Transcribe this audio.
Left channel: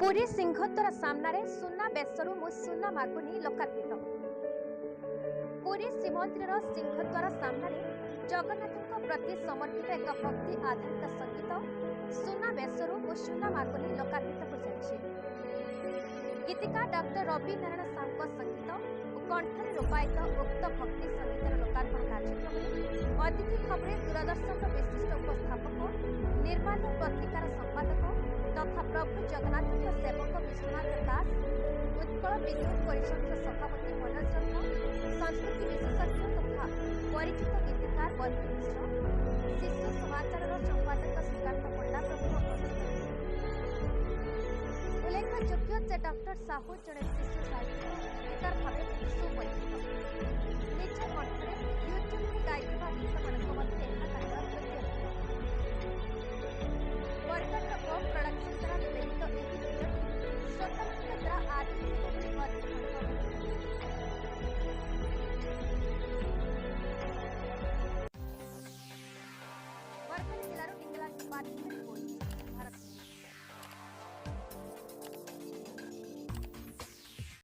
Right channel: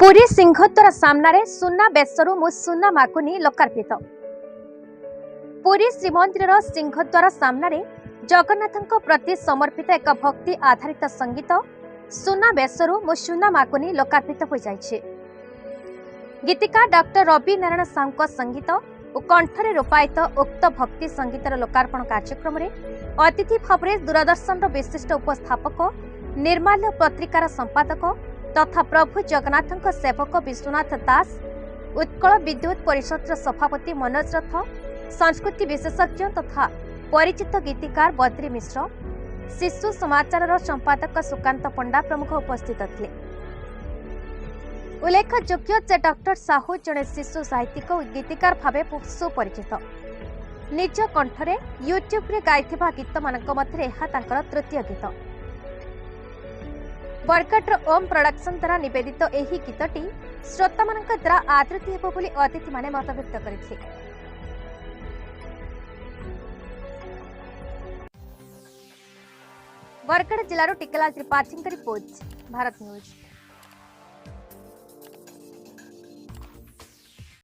पुरी सिंहद्वार सामने सुना बेसरू मु सुना माकुनी लोकार्पित। पुरी श्रीमंदिर सिंहद्वार सामने जगन्नाथ प्रति समर्पित एक भक्ति आधारित संगीत सुना बेसरू मु सुना माकुनी लोकार्पित हो जाइछे। गीतिकार डॉक्टर रवि नारायण साहू संगीत और कंठरे रूपायित उक्त भक्ति संगीतर लोकार्पण कार्यक्रम में अतिथि भाव में दूरदर्शन विशिष्ट उपस्थापक निर्माल्य पत्रिकार संपादक तथा प्रभु जगन्नाथ सेवक विश्वनाथ दास, उत्कल विद्युत परिषद सभापति मनोज रथ, संस्कृति विशेषज्ञ तथा परिचित गीतिकार बद्री मिश्र, शिशु समाचार संपादक सुकांत पंडा प्रमुख उपस्थित थे। उल्लेखयोग्य जे डॉक्टर साहू जड़े शिशु साहित्यिक और गीतिकार भावे सुपरिचित। निज कंठरे यूट्यूब रे गाइथिबा गीत मानक मध्य एहा तांकर तृतीय गीत। बरगढ़ ओम प्रोडक्शन द्वारा निवेदित एही गीतटी श्रोता मानक द्वारा आदृत हेबो बोली अतिथि माने मत व्यक्त करिथिले। बरगढ़ जिलार टिकला त्रिपाठी रिपोर्ट, भारत न्यूज।